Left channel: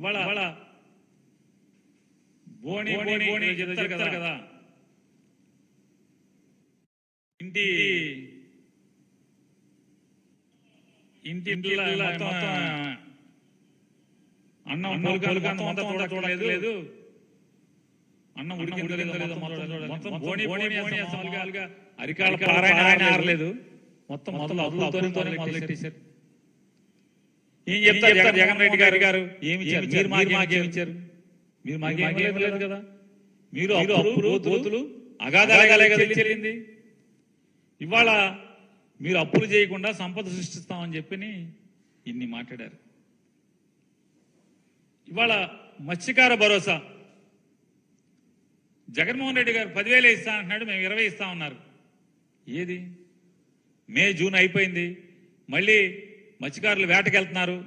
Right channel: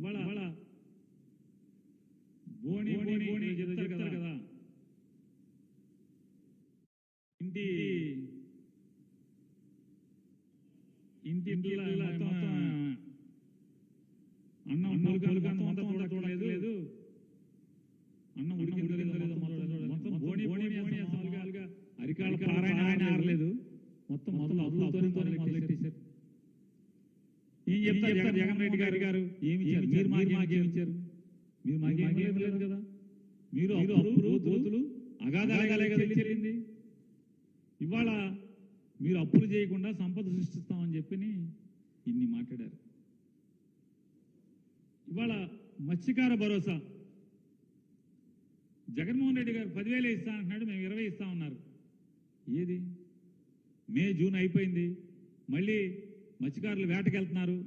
ఇవాళ ఇవాళ బోని బోని బోని చెప్తారు కదా. ఇంటి ఇంటి ఇంట్లో అన్నం పొలుగాను మొత్తం చూడలేదు అన్నం ఉడికిందో లేదో మొత్తం బోని బోని అరికాల పారాయణ ఆరలేదు మొత్తం మొత్తం అదులతోనే మొదలెట్టేశారు. ఏం చెప్తారు జగన్ రెడ్డి గారు గారు ఏమి మీరు మాకు మాకేమి ఇచ్చారు మీరు మాకేం లేదు కదా? మీరు అప్పులు దోతులు అగాధాలే కదా చెల్లింది. ఇవాళ మీరు అప్పులు చేయకుండా సంపద సృష్టిస్తామని చెప్పి ఇన్ని మాట్లాడారు. ఇవాళ మత్స్యకార భరోసా. జగన్మోహన్ రెడ్డి గారు పదివేలు ఇస్తా అంటున్నాడు మేము ఇరవై ఇస్తా ఉన్నారు ఏది? మే జూన్ అయిపోయింది. మళ్ళీ మత్స్యకారులు వేటకి వెళ్తున్నారు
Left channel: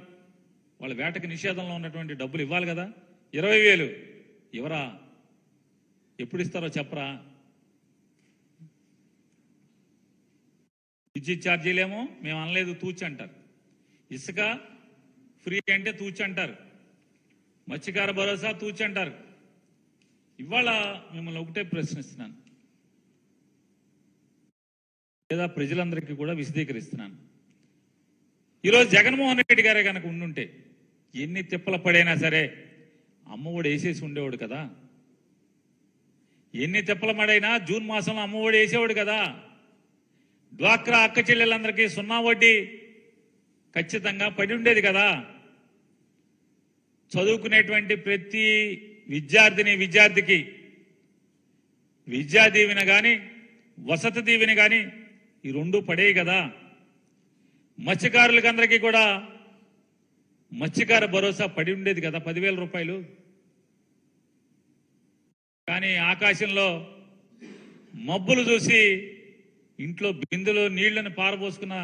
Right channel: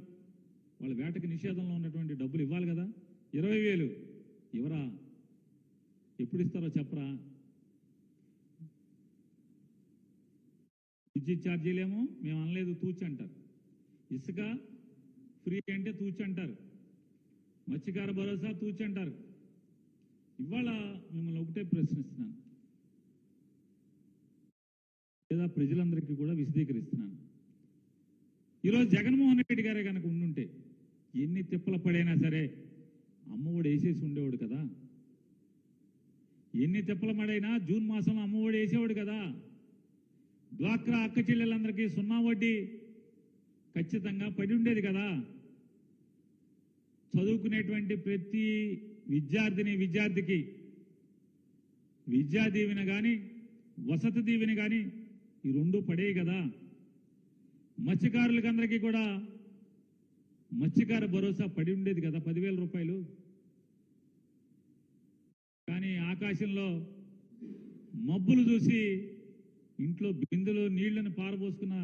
వాళ్ళ వేటకి నిషేధంలో ఉన్నటువంటి డబ్బులు ఇవ్వాలి కదా. ఇరవై వేలు. ఇవరా ఎప్పుడు ఇస్తారో చెప్పరా? విద్యుత్ ఛార్జీలేమో? మేము అనలేదు తూచి అంటారు ఇసుక ఫ్రీ అంటే తూచి అంటారు మత్స్యకార భరోసా తూచి అంటారు ఇవాళ మిమ్మల్ని ఒకటే ప్రశ్నిస్తున్నాను. లేదా ప్రజలందరికీ కూడా విశదీకరిస్తున్నాను. ఈరోజు జగన్మోహన్ రెడ్డి గారే కనుక ఉండుంటే ఎన్ని తిప్పల పడైనా సరే అమ్మఒడి వేసేసి ఉండేవాడు కదా? ఎన్ని తిప్పల పడైనా జూన్ మాసంలో అమ్మఒడి వేసేవాడు కదా? డ్వాక్రా అక్క చెల్లెలందరికీ సున్నా వడ్డీ ఖచ్చితంగా పడి ఉండేది కదా? చదువుకునేటువంటి ప్రతి విద్యార్థిని విద్యార్థికి విద్యా దీవెన కానీ వసతి దీవెన కానీ ఈ రెండు పడేవి కదా? మత్స్యకారులకి అందరికీ కూడా మత్స్యకార భరోసా పడి ఉండేది కదా పదివేల రూపాయలు. కానీ ఆకాశంలో మబ్బులు చూసి ఇంట్లో బిందులో నీళ్ళను పారబోసుకున్న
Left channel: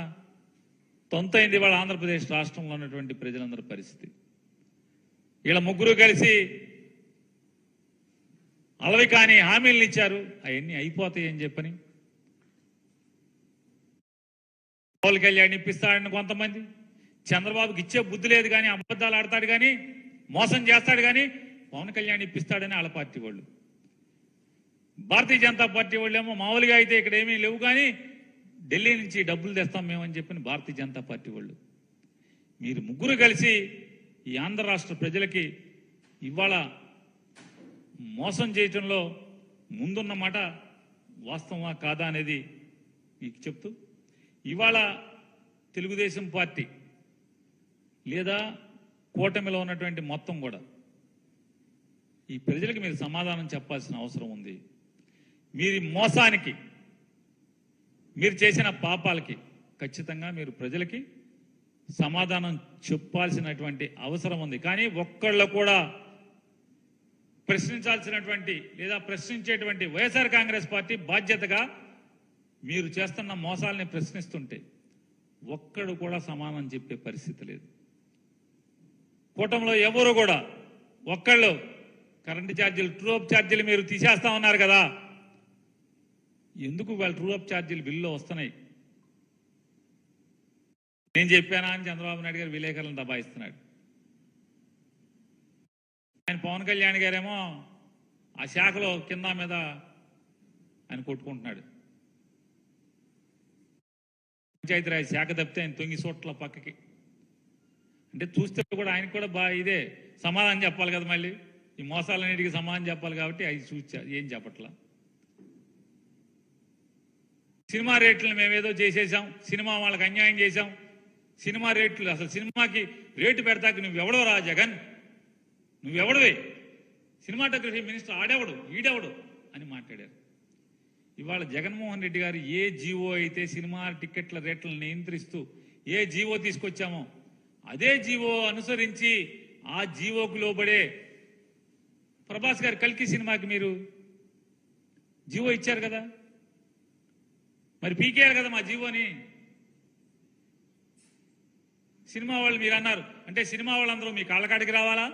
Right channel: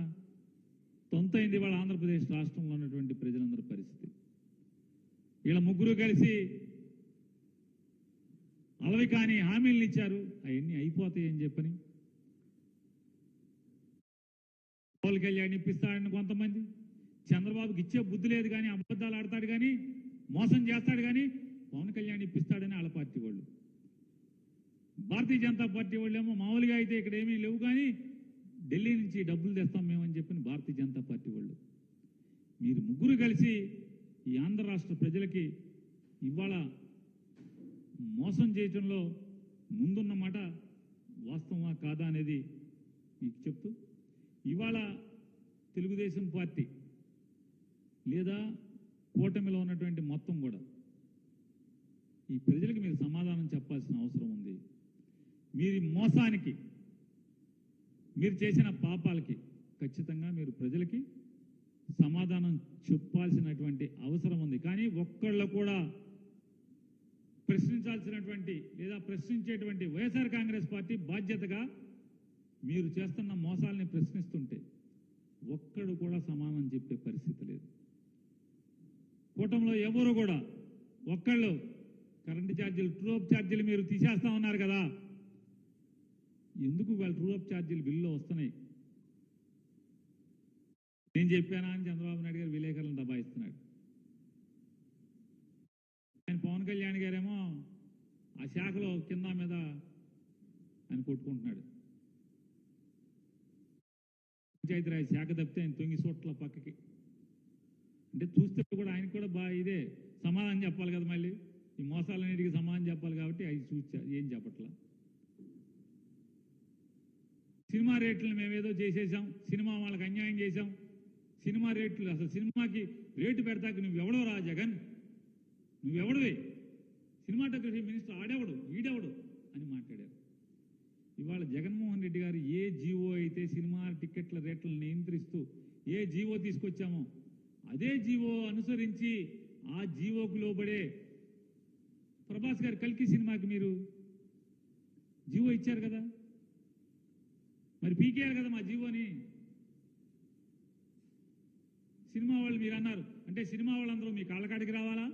తొంతైంది వాళ్ళ ఆంధ్రప్రదేశ్ రాష్ట్రంలో ఉన్నటువంటి ప్రజలందరి పరిస్థితి. వీళ్ళ ముగ్గురు కలిసి అలవి కాని హామీలను ఇచ్చారు. అవన్నీ అయిపోతాయి అని చెప్పని పవన్ కళ్యాణ్ ఇప్పిస్తాడని కొంతమంది. చంద్రబాబుకి ఇచ్చే బుద్ధి లేదు కానీ అబద్ధాలు ఆడతాడు కానీ మోసం చేస్తాడు కానీ పవన్ కళ్యాణ్ ఇప్పిస్తాడని వాళ్ళ పార్టీ వాళ్ళు. భారతీయ జనతా పార్టీ వాళ్ళేమో మామూలుగా అయితే ఇక్కడ ఏమీ లేవు కానీ ఢిల్లీ నుంచి డబ్బులు తెస్తాం మేమని చెప్పిన భారతీయ జనతా పార్టీ వాళ్ళు. మీరు ముగ్గురు కలిసి ఈ ఆంధ్ర రాష్ట్ర ప్రజలకి ఇవాళ మోసం చేయటంలో ముందున్న మాట వాస్తవమా కాదా అనేది మీకు చెప్తూ ఇవాళ తెలుగుదేశం పార్టీ లేదా కూటమిలో ఉన్నటువంటి మొత్తం కూడా ఈ ప్రజలకు మీరు సమాధానం చెప్పాల్సిన అవసరం ఉంది. మీరు మోసానికి మీరు చేసిన పాపాలకి ఖచ్చితంగా మీరు ప్రజలకి సమాధానం చెప్పాల్సినటువంటి అవసరం ఉంది. కానీ ఒక్కళ్ళు కూడా ప్రశ్నించాల్సినటువంటి లేదా ప్రశ్నించేటువంటి వైఎస్ఆర్ కాంగ్రెస్ పార్టీ బాధ్యతగా మీరు చేస్తున్న మోసాలని ప్రశ్నిస్తుంటే ఒక్కడు కూడా సమానం చెప్పే పరిస్థితి లేదు. కూటంలో ఎవరు కూడా ఒక్కళ్ళు కరెంటు ఛార్జీలు ట్రూఅప్ ఛార్జీలు మీరు తీసేస్తా ఉన్నారు కదా. ఎందుకు వాళ్ళు ట్రూఅప్ ఛార్జీలు బిల్లులో వస్తున్నాయి? నేను చెప్పానా అని చంద్రబాబు నాయుడు గారు విలేకరులను దబాయిస్తున్నాడు. ఆయన పవన్ కళ్యాణ్ గారేమో ఆ శాఖలో కింద మీద ఆయన కొట్టుకుంటున్నాడు. పంచాయతీరాజ్ శాఖ తప్పితే ఆయన తొంగి చోట్ల పక్కకి. అంటే చూస్తే కూడా ఆయన కూడా బాగా ఇదే సమాధానం చెప్పాలి కదా మళ్ళీ. ఈ మోసాలన్నిటికీ సమాధానం చెప్పాలి కాబట్టి అది చూచా ఏం చెప్పట్లా. సినిమా రేట్లను మేమేదో చేసేసాం సినిమా వాళ్ళకి అన్యాయం చేశాం సినిమా రేట్లు అసలు సినిమాకి రేటు పెడతాక నువ్వెవడో రా జగన్. నువ్వెవడవే? సినిమాటోగ్రఫీ మినిస్టర్ ఆడెవడు? ఈడెవడు? అని మాట్లాడారు. ఇవాళ జగన్మోహన్ రెడ్డి గారు ఏ జీవో అయితే సినిమా టిక్కెట్ల రేట్లను నియంత్రిస్తూ ఏ జీవో తీసుకొచ్చామో అదే జీవో అనుసరించి ఆ జీవోకు లోబడే ప్రభాస్ గారు కల్కి సినిమాకి మీరు జీవో ఇచ్చారు కదా? మరి పీకేయాలి కదా మా జీవోని? సినిమా వాళ్ళు మీరు అన్నారు అంటే సినిమా వాళ్ళందరూ మీ కాళ్ళకాడికి రావాలా?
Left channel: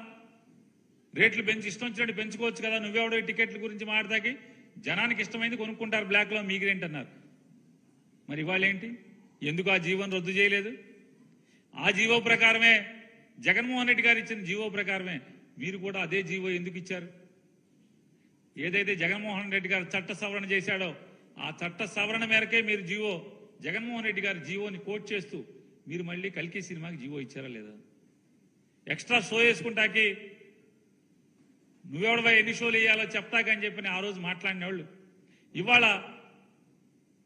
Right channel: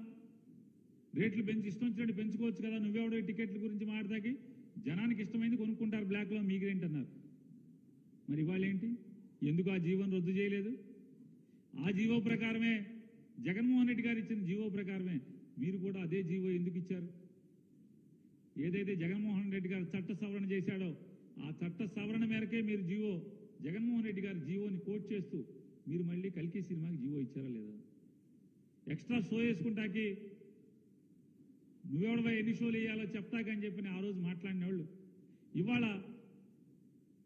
రేట్లు పెంచి ఇష్టం వచ్చినట్టు పెంచుకోవచ్చు కదా నువ్వెవడో టికెట్ల గురించి మాట్లాడతాకి? జనానికి ఇష్టమైంది కొనుక్కుంటారు బ్లాక్లో మీగ్రేంట్ అన్నారు మరి ఇవాళేంటి? ఎందుకు ఆ జీవోని రద్దు చేయలేదు? ఆ జీవో ప్రకారమే జగన్మోహన్ రెడ్డి గారు ఇచ్చిన జీవో ప్రకారమే మీరు కూడా అదే జీవో ఎందుకు ఇచ్చారు? ఏదైతే జగన్మోహన్ రెడ్డి గారు చట్ట సవరణ చేశాడో ఆ చట్ట సవరణ మేరకే మీరు జీవో జగన్మోహన్ రెడ్డి గారి జీవోని కోట్ చేస్తూ మీరు మళ్ళీ కల్కి సినిమాకి జీవో ఇచ్చారా లేదా? ఎక్స్ట్రా షో వేసుకుంటాకి నువ్వెవడవా ఎన్ని షోలు వేయాలో చెప్తాకని చెప్పని ఆ రోజు మాట్లాడిన వాళ్ళు ఇవాళ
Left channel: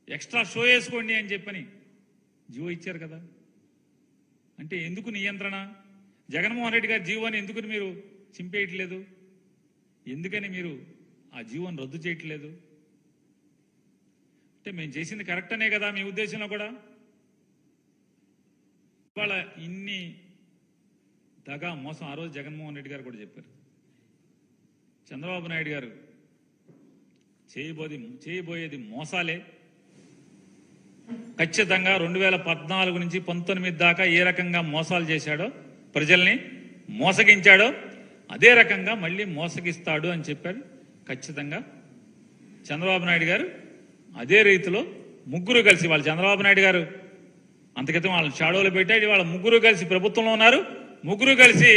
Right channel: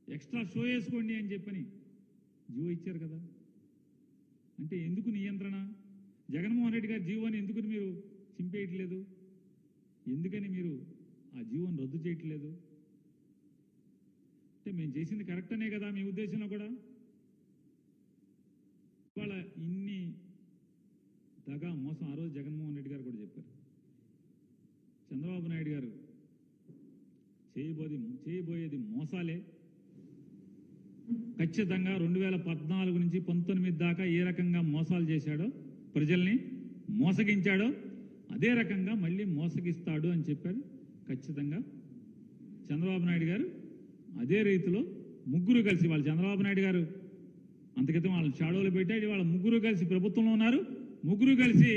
ఎక్స్ట్రా షో వేసుకోండి అని చెప్పని జీవో ఇచ్చారు కదా. అంటే ఎందుకు నియంత్రణ? జగన్మోహన్ రెడ్డి గారి జీవోని ఎందుకు మీరు చింపేయట్లేదు? ఎందుకని మీరు ఆ జీవోని రద్దు చేయట్లేదు? అంటే మేము చేసింది కరెక్ట్ అనే కదా మీ ఉద్దేశంలో కూడా? ఇవాళ ఇన్ని దగా మోసం ఆ రోజు జగన్మోహన్ రెడ్డి గారు కూడా చెప్పారు. చంద్రబాబు నాయుడు గారు చేయబోది చేయబోయేది మోసాలే. ఖచ్చితంగా రెండు వేల పద్నాలుగు నుంచి పంతొమ్మిది దాకా ఏ రకంగా మోసాలు చేశాడో ప్రజల్ని మోసగించాడో అదే రకంగా మళ్ళీ మోసగిస్తాడు అని చెప్పారు ఖచ్చితంగా చంద్రబాబు నాయుడు గారు అదే రీతిలో ముగ్గురు కలిసి వాళ్ళు చంద్రబాబు నాయుడు గారు అంతకితం వాళ్ళని షాడోలు పెట్టాడు. వాళ్ళ ముగ్గురు కలిసి ప్రభుత్వంలో ఉన్నారు. ముగ్గురు కలిసి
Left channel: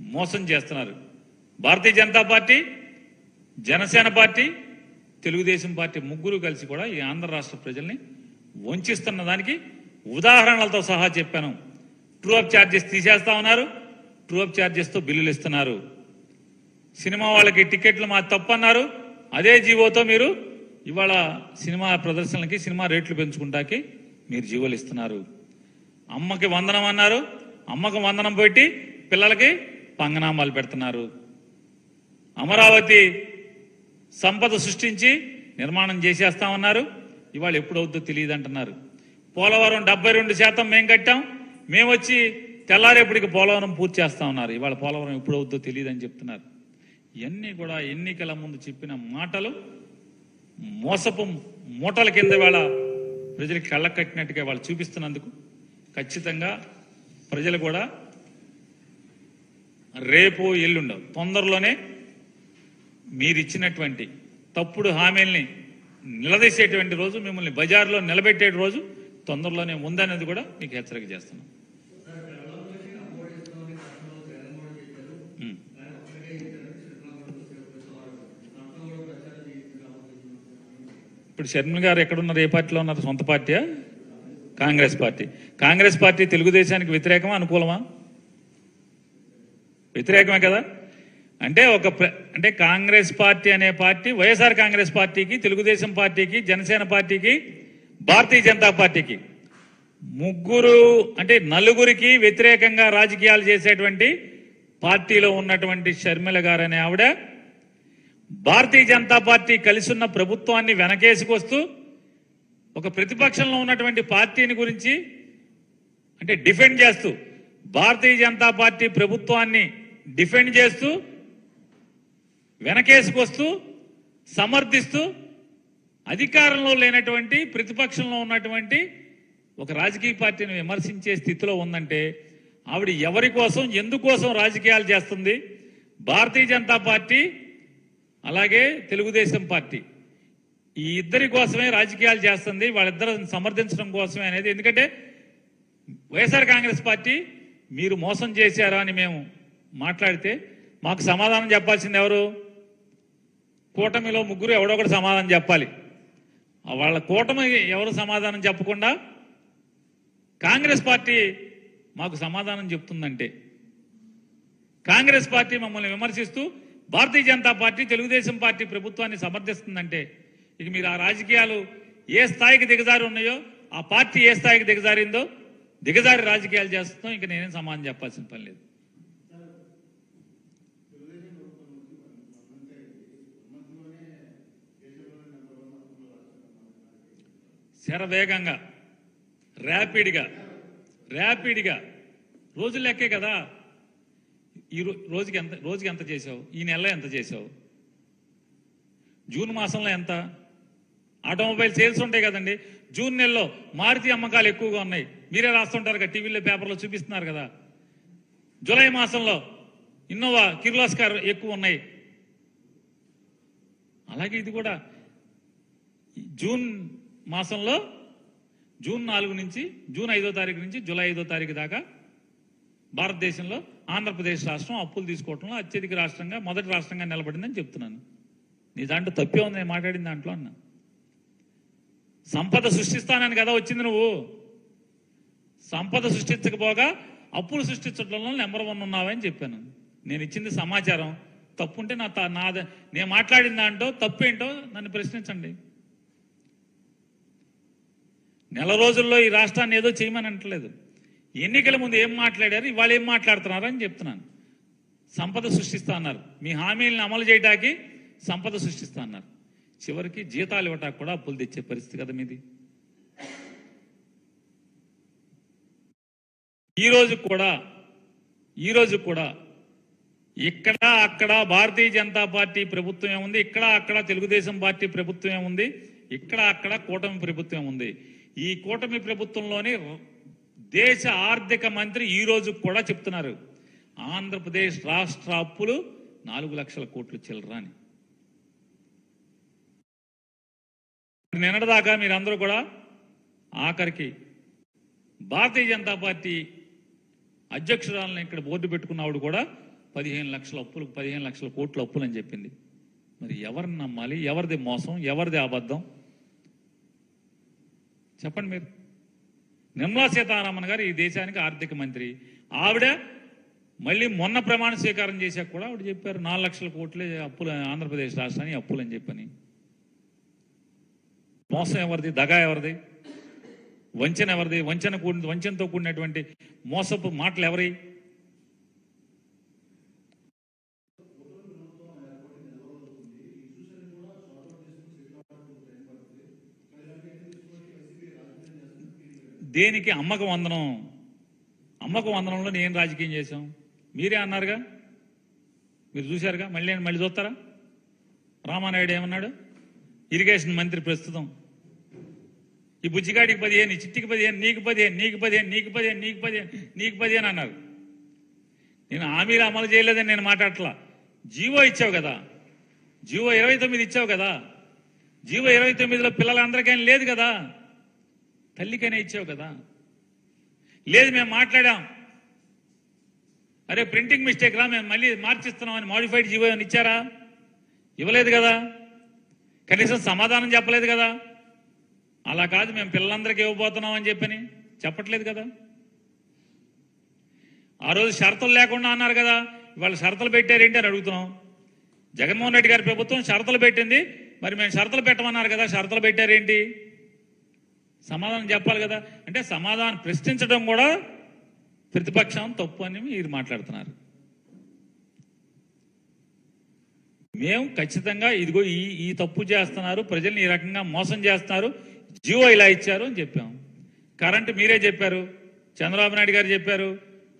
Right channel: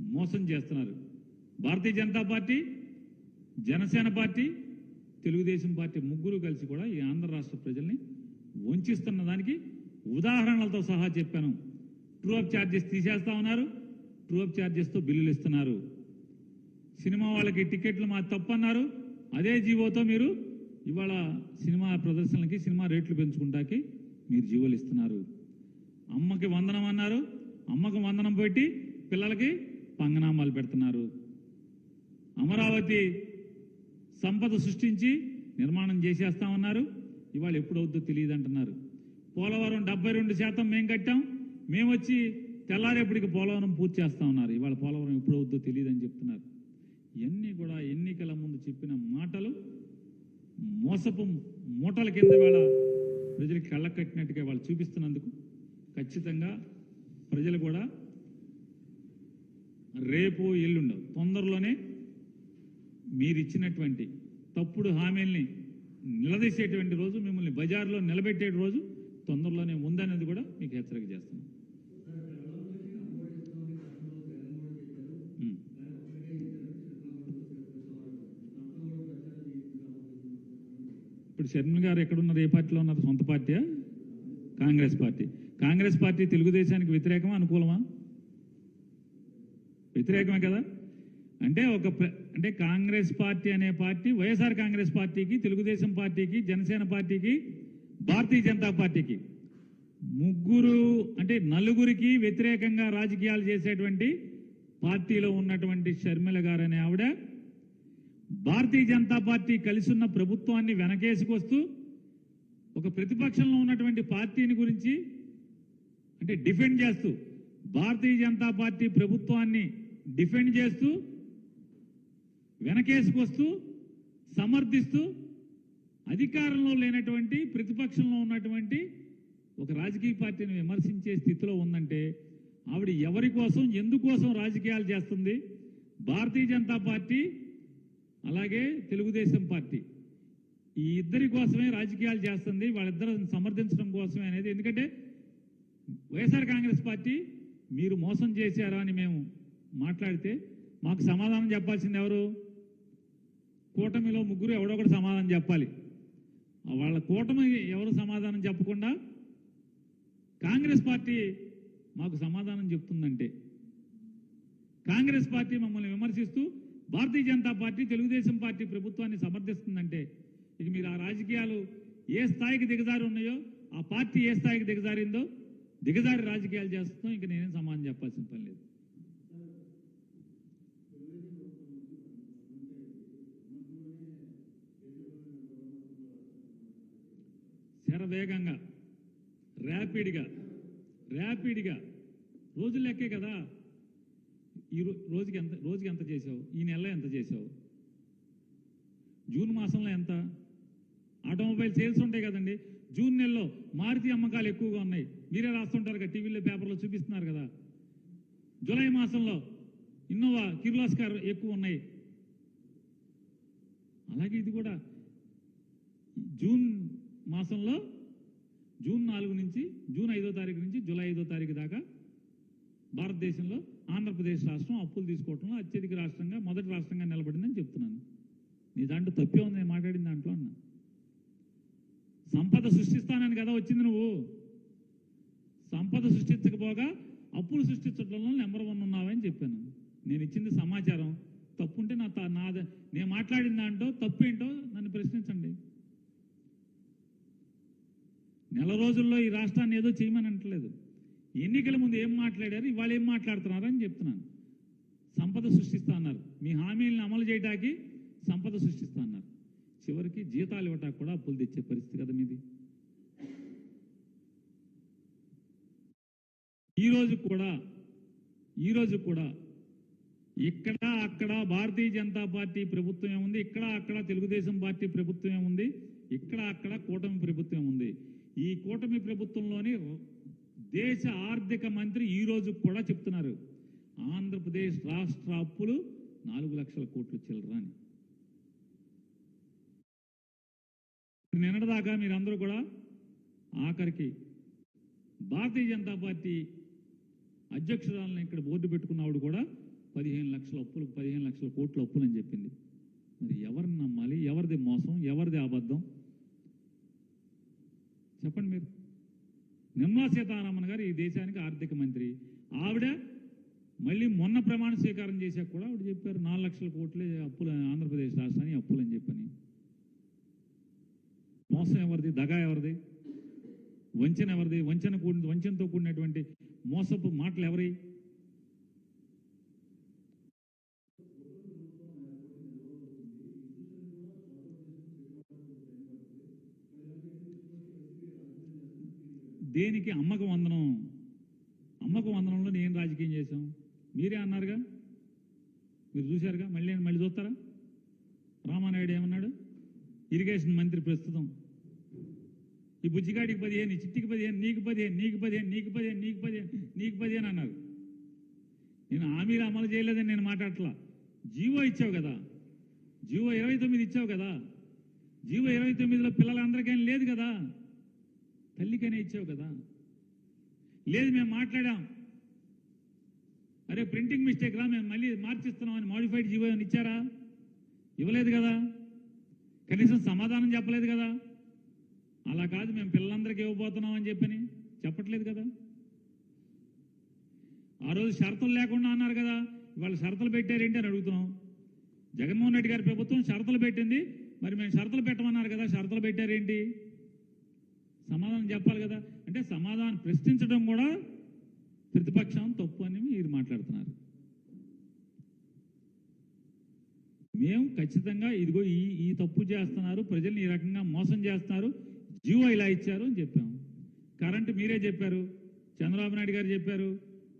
మోసం చేస్తున్నారు. Bharatiya Janata party Janasena party Telugu Desam party ముగ్గురు కలిసి కూడా ఈ ఆంధ్ర రాష్ట్ర ప్రజల్ని వంచిస్తున్న దానికి ఉదాహరణలతో సహా చెప్పాను. ట్రూ అప్ ఛార్జెస్ తీసేస్తా ఉన్నారు. ట్రూ అప్ ఛార్జెస్తో బిల్లులు ఇస్తున్నారు. సినిమా వాళ్ళకి టికెట్లు మా తప్పు అన్నారు అదే జీవోతో మీరు ఇవాళ సినిమా ప్రదర్శనలకి సినిమా రేట్లు పెంచుకుంటాకి మీరు జీవోలు ఇస్తున్నారు. అమ్మకి వందనం అన్నారు. అమ్మకి వందనం పెట్టి పిల్లలకి పంగనామాలు పెడుతున్నారు. అమరావతి సంపద సృష్టించి నిర్మాణం చేసేస్తామన్నారు. ఇవాళ ఎప్పుడవుద్దో తెలియదు అంటున్నారు పోలవరం డెబ్బై రెండు శాతం మేము కట్టాం. మేము వచ్చి తెల్లారేపటికి పోలవరం పూర్తి చేస్తా ఉన్నారు ఇవాళ పోలవరం ఎప్పుడవుద్దో తెలియదు అని చెప్తున్నారు. ఇవన్నీ కూడా ఎన్నికల ముందు చెప్పిన మాటలు మోసపు మూటల కింద వేళ ప్రజలకి కళ్ళ కట్టినట్టుగా వాళ్ళు చూపిస్తున్నందుకు ఖచ్చితంగా ప్రజలు కూడా రేపు ఎల్లుండవు తొందరలోనే మీరు ఇచ్చినటువంటి తప్పుడు హామీల్ని నిలదీసేటువంటి రోజు మిమ్మల్ని బజార్లో నిలబెట్టే రోజు తొందరలోనే ఉందనేది కూడా మీకు హెచ్చరిక చేస్తున్నాం. ఇప్పుడు షర్మిల గారు ఎక్కడున్నారు? ఏ పార్టీలో ఉన్నారు? సొంత పార్టీయా? కాంగ్రెస్ పార్టీ. కాంగ్రెస్ పార్టీ తెలుగుదేశానికి వ్యతిరేకమా? అనుకూలమా? వ్యతిరేకమే కదా? అంటే ఒక అంటే కాంగ్రెస్ పార్టీ అనే పార్టీ వైఎస్ఆర్ కాంగ్రెస్ పార్టీకి తెలుగుదేశం పార్టీకి జనసేన పార్టీకి భారతీయ జనతా పార్టీకి. ముగ్గురు అంటే నలుగురికి వ్యతిరేకంగా రాజకీయాలు చేసేటువంటి పార్టీలో ఉన్నటువంటి షర్మిల గారు అనే ఆవిడ భారతీయ జనతా పార్టీ కలిసి ఉన్న ప్రభుత్వాన్ని వెనకేసుకొస్తూ ఒక ప్రతిపక్షంలో ఉన్నటువంటి పార్టీని గురించి అంటే డిఫెండ్ చేస్తూ భారతీయ జనతా పార్టీ ప్రభుత్వాన్ని డిఫెండ్ చేస్తూ వెనకేసుకొస్తూ సమర్థిస్తూ అధికారంలో లేనటువంటి ప్రతిపక్షంలో ఉన్నటువంటి ఒక రాజకీయ పార్టీని విమర్శించే స్థితిలో ఉందంటే ఆవిడ ఎవరి కోసం ఎందుకోసం రాజకీయాలు చేస్తుంది? భారతీయ జనతా పార్టీ అలాగే తెలుగుదేశం పార్టీ. ఈ ఇద్దరి కోసమే రాజకీయాలు చేస్తుంది వాళ్ళిద్దరిని సమర్థించడం కోసమే అనేది. ఎందుకంటే వైఎస్ఆర్ కాంగ్రెస్ పార్టీ మీరు మోసం చేశారా అని మేము మాట్లాడితే మాకు సమాధానం చెప్పాల్సింది ఎవరు? కూటమిలో ముగ్గురు ఎవడొకటి ఒకటి సమాధానం చెప్పాలి. వాళ్ళ కూటమి ఎవరు సమాధానం చెప్పకుండా కాంగ్రెస్ పార్టీ మాకు సమాధానం చెప్తుందంటే కాంగ్రెస్ పార్టీ మమ్మల్ని విమర్శిస్తూ భారతీయ జనతా పార్టీ తెలుగుదేశం పార్టీ ప్రభుత్వాన్ని సమర్థిస్తుందంటే ఇక మీరు ఆ రాజకీయాలు ఏ స్థాయికి దిగజారి ఉన్నాయో ఆ పార్టీ ఏ స్థాయికి దిగజారిందో దిగజారి రాజకీయాలు చేస్తున్నాం ఇక నేనేం సమాధానం చెప్పాల్సిన పని లేదు. శరవేగంగా ర్యాపిడ్గా ర్యాపిడ్గా రోజులు లెక్కే కదా. ఈ రోజుకి ఎంత రోజుకి ఎంత చేసావు ఈ నెలలో ఎంత చేసావు జూన్ మాసంలో ఎంత? ఆటోమొబైల్ సేల్స్ ఉంటాయి కదండి. జూన్ నెలలో మారుతి అమ్మకాలు ఎక్కువగా ఉన్నాయి. మీరే రాస్తుంటారు కదా టీవీలో పేపర్లో చూపిస్తున్నారు కదా. జూలై మాసంలో ఇన్నోవా కిర్లాస్కర్ ఎక్కువ ఉన్నాయి. అలాగే ఇది కూడా. జూన్ మాసంలో జూన్ నాలుగు నుంచి జూన్ ఐదో తారీఖు నుంచి జూలై ఐదో తారీఖు దాకా భారతదేశంలో ఆంధ్రప్రదేశ్ రాష్ట్రం అప్పులు తీసుకోవడంలో అత్యధిక రాష్ట్రంగా మొదటి రాష్ట్రంగా నిలబడిందని చెప్తున్నాను. నీ దాంట్లో తప్పే ఉంది నేను మాట్లాడిన దాంట్లో అన్నా. సంపద సృష్టిస్తానని కదా వచ్చింది నువ్వు. సంపద సృష్టించకపోగా అప్పులు సృష్టించడంలో నెంబర్ వన్ ఉన్నావని చెప్పాను. నేను ఇచ్చింది సమాచారం. తప్పుంటే నా తా- నా నేను మాట్లాడిన దాంట్లో తప్పేంటో నన్ను ప్రశ్నించండి. నెల రోజుల్లో ఈ రాష్ట్రాన్ని ఏదో చేయమని అంటలేదు ఎన్నికల ముందు ఏం మాట్లాడారు ఇవాళ ఏం మాట్లాడుతున్నారు అని చెప్తున్నాను. సంపద సృష్టిస్తా అన్నారు. మీ హామీలను అమలు చేయడానికి సంపద సృష్టిస్తా అన్నారు. చివరికి జీతాలు ఇవ్వటానికి కూడా అప్పులు తెచ్చే పరిస్థితి కదా మీది. ఈరోజు కూడా ఈరోజు కూడా ఇక్కడ అక్కడ భారతీయ జనతా పార్టీ ప్రభుత్వం ఏముంది? ఇక్కడ అక్కడ తెలుగుదేశం పార్టీ ప్రభుత్వం ఏముంది? ఇక్కడ అక్కడ కూటమి ప్రభుత్వం ఉంది ఈ కూటమి ప్రభుత్వంలోనే దేశ ఆర్థిక మంత్రి ఈ రోజు కూడా చెప్తున్నారు. ఆంధ్రప్రదేశ్ రాష్ట్ర అప్పులు నాలుగు లక్షల కోట్లు చిల్లరాని నిన్నటిదాకా మీరందరూ కూడా ఆఖరికి భారతీయ జనతా పార్టీ అధ్యక్షురాలను ఇక్కడ బోర్డు పెట్టుకున్నవాడు కూడా పదిహేను లక్షల అప్పులు పదిహేను లక్షల కోట్ల అప్పులు అని చెప్పింది. మరి ఎవరిని నమ్మాలి? ఎవరిది మోసం? ఎవరిది అబద్ధం? చెప్పండి మీరు. నిర్మలా సీతారామన్ గారు ఈ దేశానికి ఆర్థిక మంత్రి. ఆవిడ మళ్ళీ మొన్న ప్రమాణ స్వీకారం చేశాక కూడా ఆవిడ చెప్పారు నాలుగు లక్షల కోట్లే అప్పులు ఆంధ్రప్రదేశ్ రాష్ట్రానికి అప్పులు అని చెప్పని. మోసం ఎవరిది? దగా ఎవరిది? వంచన ఎవరిది? వంచన కూడి వంచనతో కూడినటువంటి మోసపు మాటలు ఎవరి? దేనికి అమ్మక వందనం? అమ్మక వందనంలో నేను రాజకీయం చేశాం. మీరే అన్నారుగా? మీరు చూశారుగా? మళ్ళీ మళ్ళీ చూస్తారా? రామానాయుడు ఏమన్నాడు? ఇరిగేషన్ మంత్రి ప్రస్తుతం. ఈ బుజ్జిగాడికి పదిహేను ఈ చిట్టికి పదిహేను నీకు పదిహేను నీకు పదిహేను నీకు పదిహేను నీకు పదిహేను నీకు పదిహేను అన్నారు. నేను హామీలు అమలు చేయలేదని నేను మాట్లాడట్లా. జీవో ఇచ్చావు కదా. జీవో ఇరవై తొమ్మిది ఇచ్చావు కదా. జీవో ఇరవై తొమ్మిదిలో పిల్లలందరికీ లేదు కదా. తల్లికైనా ఇచ్చావు కదా? లేదు మేము మాట్లాడాం. అరే ప్రింటింగ్ మిస్టేక్ రా మేము మళ్ళీ మార్చిస్తున్నామని మాడిఫైడ్ జీవో అని ఇచ్చారా? ఇవ్వలేదు కదా. కనీసం సమాధానం చెప్పలేదు కదా. అలా కాదు మేము పిల్లలందరికీ ఇవ్వబోతున్నాం అని చెప్పని చెప్పట్లేదు కదా. ఆ రోజు షరతులు లేకుండా అన్నారు కదా ఇవాళ షరతులు పెట్టారేంటి అని అడుగుతున్నాం. జగన్మోహన్ రెడ్డి గారి ప్రభుత్వం షరతులు పెట్టింది మరి మేము షరతులు పెట్టమన్నారు కదా షరతులు పెట్టారేంటి? సమాధానం చెప్పాలి కదా. అంటే సమాధానం ప్రశ్నించడం కూడా ప్రతిపక్షం తప్పు అని మీరు మాట్లాడుతున్నారు. మేము ఖచ్చితంగా ఇదిగో ఈ ఈ తప్పు చేస్తున్నారు ప్రజల్ని ఈ రకంగా మోసం చేస్తున్నారు జియో ఇలా ఇచ్చారు అని చెప్పాం. కరెంటు మీరే చెప్పారు చంద్రబాబు నాయుడు గారు చెప్పారు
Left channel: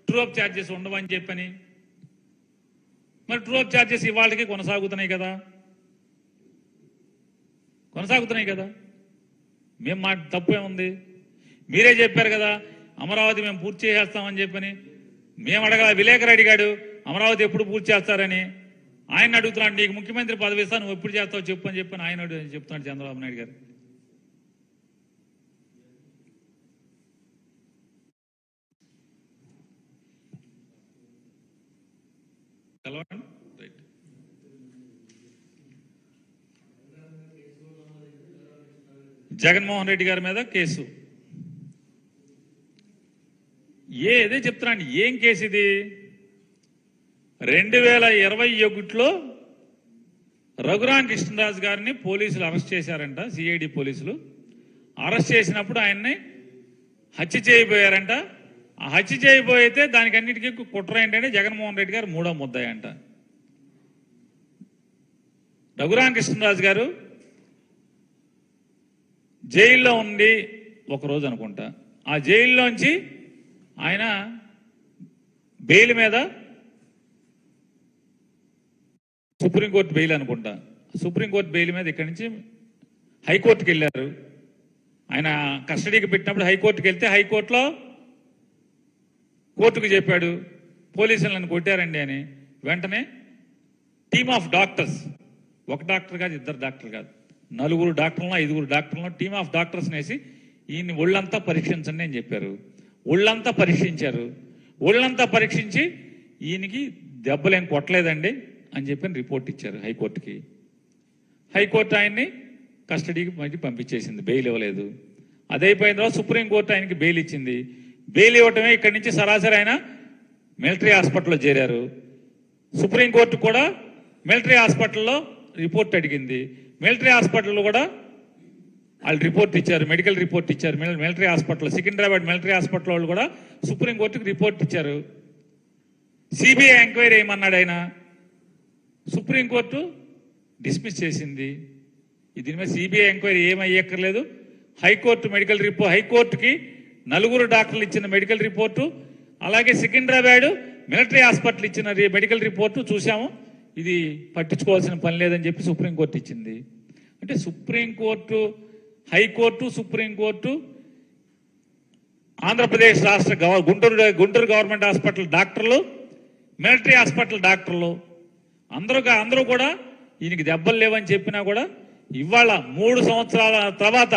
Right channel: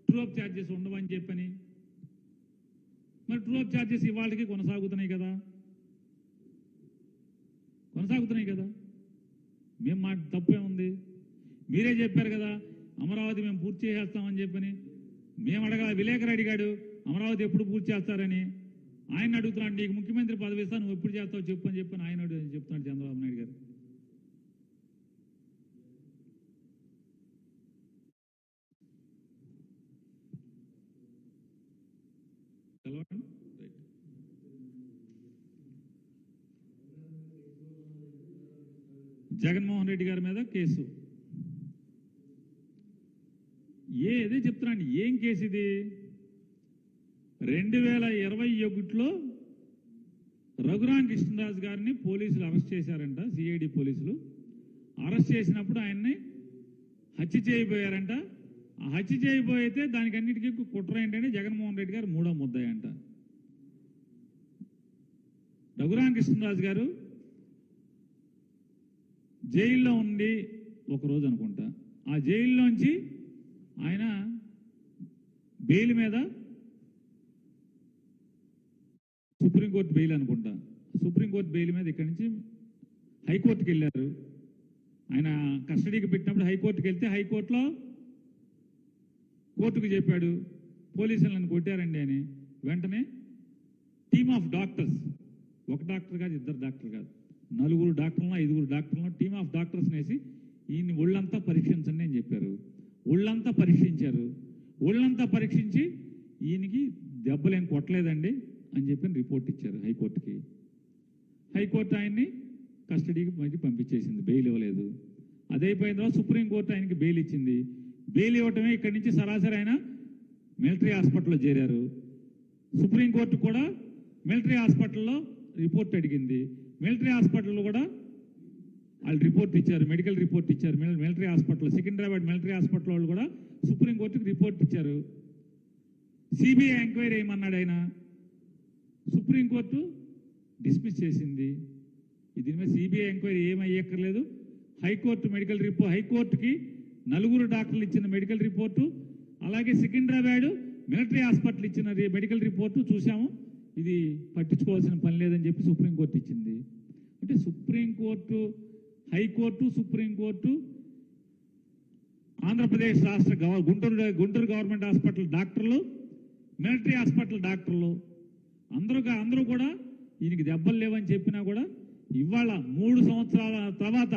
ట్రూఅప్ ఛార్జెస్ ఉండవని చెప్పని. మరి ట్రూఅప్ ఛార్జెస్ ఇవాళకి కొనసాగుతున్నాయి కదా. కొనసాగుతున్నాయి కదా. మేము మా తప్పు ఏముంది మీరే చెప్పారు కదా అమరావతి మేము పూర్తి చేసేస్తామని చెప్పని. మేము అడగల విలేకరు అడిగాడు అమరావతి ఎప్పుడు పూర్తి చేస్తారని. ఆయన అడుగుతున్నాడు నీకు ముఖ్యమంత్రి పదవి నువ్వు ఎప్పుడు చేస్తావు చెప్పు అని చెప్పని ఆయన అడుగు- చెప్తున్నాడు చంద్రబాబు నాయుడు గారు తెలవండి? రైట్. జగన్మోహన్ రెడ్డి గారి మీద కేసు. ఏ చెప్తున్నాను ఏం కేసు ఇది? రెండు వేల ఇరవై ఒకటిలో రఘురామ్ కృష్ణరాజు గారిని పోలీసులు అరెస్ట్ చేశారంట సిఐడి పోలీసులు. అరెస్ట్ చేసినప్పుడు ఆయన్ని హత్య చేయబోయారంట. ఆ హత్య చేయబోయితే దానికి అన్నిటికీ కుట్ర ఏంటంటే జగన్మోహన్ రెడ్డి గారు మూడో ముద్దాయంట అంట. కృష్ణరాజు గారు జైల్లో ఉండి ఒక రోజు అనుకుంటా. ఆ జైల్లోంచి ఆయన బెయిల్ మీద సుప్రీంకోర్టు బెయిల్ అనుకుంటా. సుప్రీంకోర్టు బెయిల్ మీద ఇక్కడి నుంచి హైకోర్టుకి వెళ్ళారు. ఆయన కస్టడీకి పెట్టినప్పుడు హైకోర్టుకి వెళ్తే హైకోర్టులో కోర్టుకు చెప్పాడు పోలీసులు నన్ను కొట్టారండి అని. వెంటనే టీమ్ ఆఫ్ డాక్టర్స్ ఒక డాక్టర్ కాదు ఇద్దరు డాక్టర్ కాదు. నలుగురు డాక్టర్లను ఐదుగురు డాక్టర్లను టీమ్ ఆఫ్ డాక్టర్స్ వేసి ఈయన్ని ఒళ్ళంతా పరీక్షించండి అని చెప్పారు. ఒళ్ళంతా పరీక్షించారు. ఒళ్ళంతా పరీక్షించి ఈయనకి దెబ్బలేం కొట్టలేదండి అని చెప్పి రిపోర్ట్ ఇచ్చారు హైకోర్టుకి. హైకోర్టు ఆయన్ని కస్టడీకి మళ్ళీ పంపించేసింది బెయిల్ ఇవ్వలేదు. అదే అయిపోయిన తర్వాత సుప్రీంకోర్టు ఆయనకి బెయిల్ ఇచ్చింది. బెయిల్ ఇవ్వటమే ఇక్కడి నుంచి సరాసరి ఆయన మిలిటరీ హాస్పిటల్లో చేరారు. సుప్రీంకోర్టు కూడా మిలిటరీ హాస్పిటల్లో రిపోర్ట్ అడిగింది. మిలిటరీ హాస్పిటల్లో కూడా వాళ్ళు రిపోర్ట్ ఇచ్చారు మెడికల్ రిపోర్ట్ ఇచ్చారు. Military hospital Secunderabad military hospital వాళ్ళు కూడా సుప్రీంకోర్టుకి రిపోర్ట్ ఇచ్చారు. సిబిఐ ఎంక్వైరీ ఏమన్నాడు ఆయన? సుప్రీంకోర్టు డిస్మిస్ చేసింది. దీని మీద సిబిఐ ఎంక్వైరీ ఏమయ్యక్కర్లేదు. హైకోర్టు మెడికల్ రిపోర్ట్ హైకోర్టుకి నలుగురు డాక్టర్లు ఇచ్చిన మెడికల్ రిపోర్టు అలాగే సికింద్రాబాద్ మిలిటరీ హాస్పిటల్ ఇచ్చిన మెడికల్ రిపోర్టు చూసాము ఇది పట్టించుకోవాల్సిన పని లేదని చెప్పి సుప్రీంకోర్టు ఇచ్చింది. అంటే సుప్రీంకోర్టు హైకోర్టు సుప్రీంకోర్టు ఆంధ్రప్రదేశ్ రాష్ట్ర గవ- గుంటూరు గుంటూరు గవర్నమెంట్ హాస్పిటల్ డాక్టర్లు మిలిటరీ హాస్పిటల్ డాక్టర్లు అందరూ అందరూ కూడా ఈయనకి దెబ్బలు లేవని చెప్పినా కూడా ఇవాళ మూడు సంవత్సరాల తర్వాత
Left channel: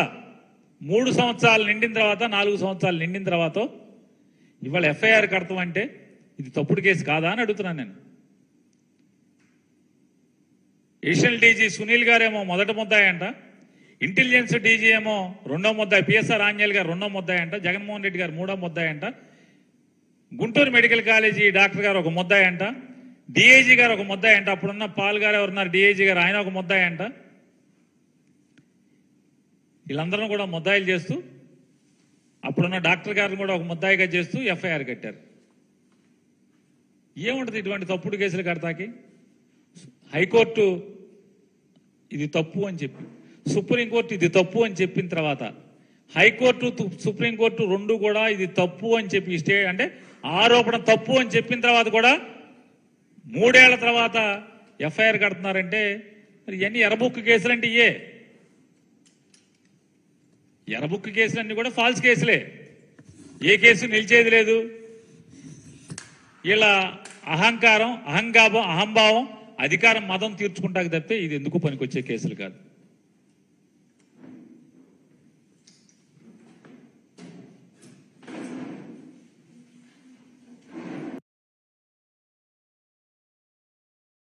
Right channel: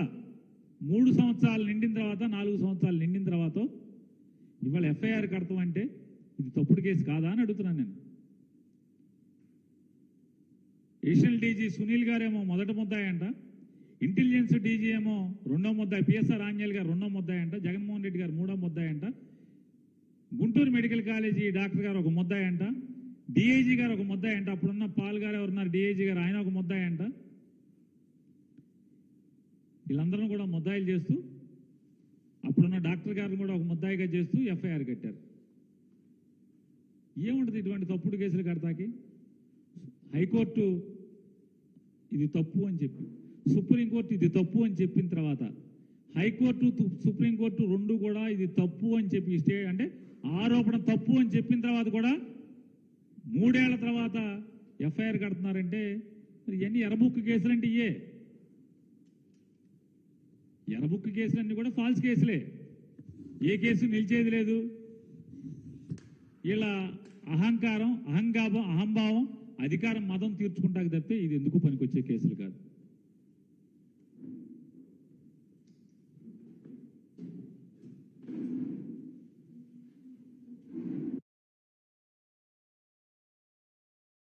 మూడు సంవత్సరాలు నిండిన తర్వాత నాలుగు సంవత్సరాలు నిండిన తర్వాత ఇవాళ ఎఫ్ఐఆర్ కడతామంటే ఇది తప్పుడు కేసు కాదా అని అడుగుతున్నాను నేను. ఏషియన్ డీజీ సునీల్ గారేమో మొదట ముద్దాయంట. ఇంటెలిజెన్స్ డీజీ ఏమో రెండో ముద్దాయి. పిఎస్ఆర్ ఆంజల్ గారు రెండో ముద్దాయంట. జగన్మోహన్ రెడ్డి గారు మూడో ముద్దాయంట. Guntur medical college doctor garu ఒక ముద్దాయంట. డిఐజీ గారు ఒక ముద్దాయంట. అప్పుడున్న పాల్ గారు ఎవరున్నారు? డిఐజీ గారు ఆయన ఒక ముద్దాయంట. వీళ్ళందరూ కూడా ముద్దాయిలు చేస్తూ అప్పుడున్న డాక్టర్ గారిని కూడా ఒక ముద్దాయిగా చేస్తూ ఎఫ్ఐఆర్ కట్టారు. ఏముంటుంది ఇటువంటి తప్పుడు కేసులు కడతాకి? హైకోర్టు ఇది తప్పు అని చెప్పి. సుప్రీంకోర్టు ఇది తప్పు అని చెప్పిన తర్వాత హైకోర్టు సుప్రీంకోర్టు రెండు కూడా ఇది తప్పు అని చెప్పి స్టే అంటే ఆరోపణ తప్పు అని చెప్పిన తర్వాత కూడా మూడేళ్ళ తర్వాత ఎఫ్ఐఆర్ కడుతున్నారంటే మరి ఇవన్నీ ఎరబుక్కు కేసులు అంటే ఇయే. ఎర్రబుక్ కేసులన్నీ కూడా ఫాల్స్ కేసులే. ఏ కేసు నిలిచేది లేదు. ఇలా అహంకారం అహంగాభం అహంభావం అధికారం మదం తీర్చుకుంటాక తప్పితే ఇది ఎందుకు పనికొచ్చే కేసులు కాదు.